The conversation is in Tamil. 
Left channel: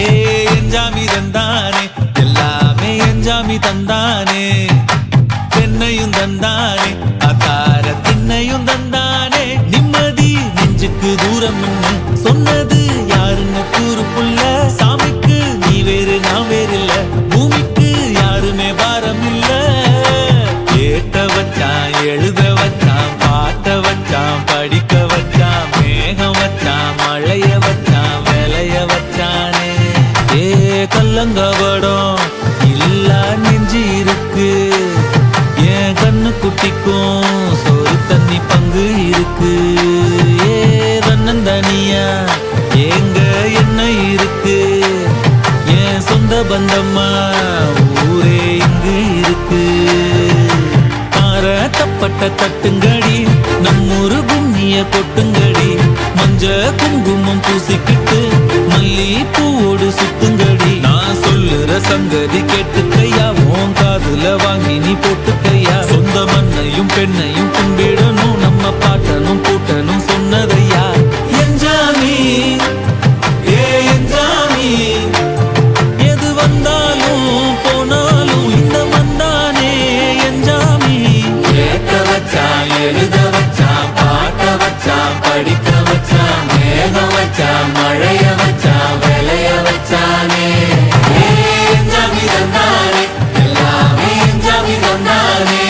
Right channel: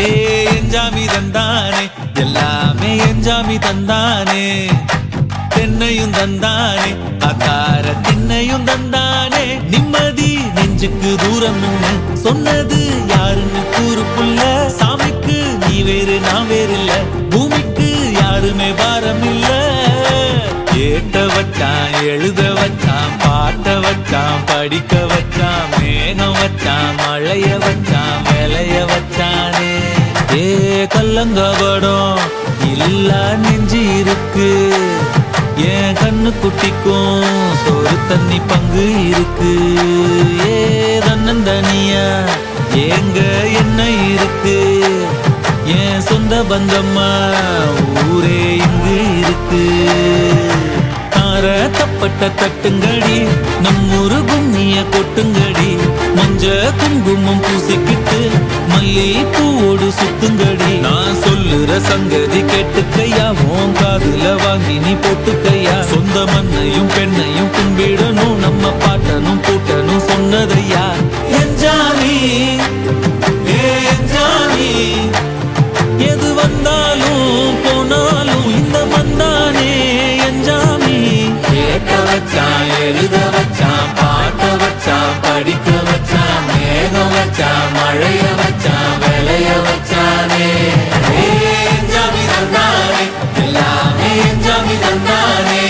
எஞ்சாமி தந்தானே எல்லாமே எஞ்சாமி தந்தானே தென்னையும் தந்தானே காத்தார திண்ணையும் தந்தானே நிம்மதி நெஞ்சுக்கு தூரம்னு சொன்னது யாருன்னு கூறு புள்ள சாமிக்கு நீ வேறு நான் வேறு இல்ல பூமிக்கு யாருமே பாரம் இல்ல ஏட்ட வச்சான் எழுத வச்சான் பாட்ட வச்சான் படிக்க வச்சான் மேகம் வச்சான் மழைய வச்சான் விளைய வச்சானே ஏ கல்லங்கபடம் இல்லா நெஞ்சு இருக்கு என் கண்ணு குட்டிக்கும் சோறு தண்ணி பங்கு இருக்கு ஏ தன்னந்தனியா ஏங்க என்ன இருக்கு என் சொந்த பந்தம்மா ஊரே இங்கு இருக்கு தார தப்பட்ட தட்டுங்கடி நம்மூரு கும்மிய கொட்டுங்கடி மஞ்ச குங்குமம் பூசிக்கிட்டு மல்லி பூவோடு சுத்துங்கடி நான் சொல்லுற சங்கதி கேட்டுக்கையா உன் காதுல வாங்கி நீ போட்டுக்கையா சொந்த மண்ணையும் பெண்ணையும் கும்பிடணும் நம்ம பாட்டனும் பூட்டனும் சொன்னதையா எஞ்சாமி ஏ எஞ்சாமி எது வந்தாலும் போனாலும் இந்த மந்தானே எஞ்சாமி கேட்க வச்சான் எழுத வச்சான் பாட்ட வச்சான் படிக்க வச்சான் மேகம் வச்சான் மழைய வச்சான் விளைய வச்சானே எஞ்சாமி தந்தானே எல்லாமே எஞ்சாமி தந்தானே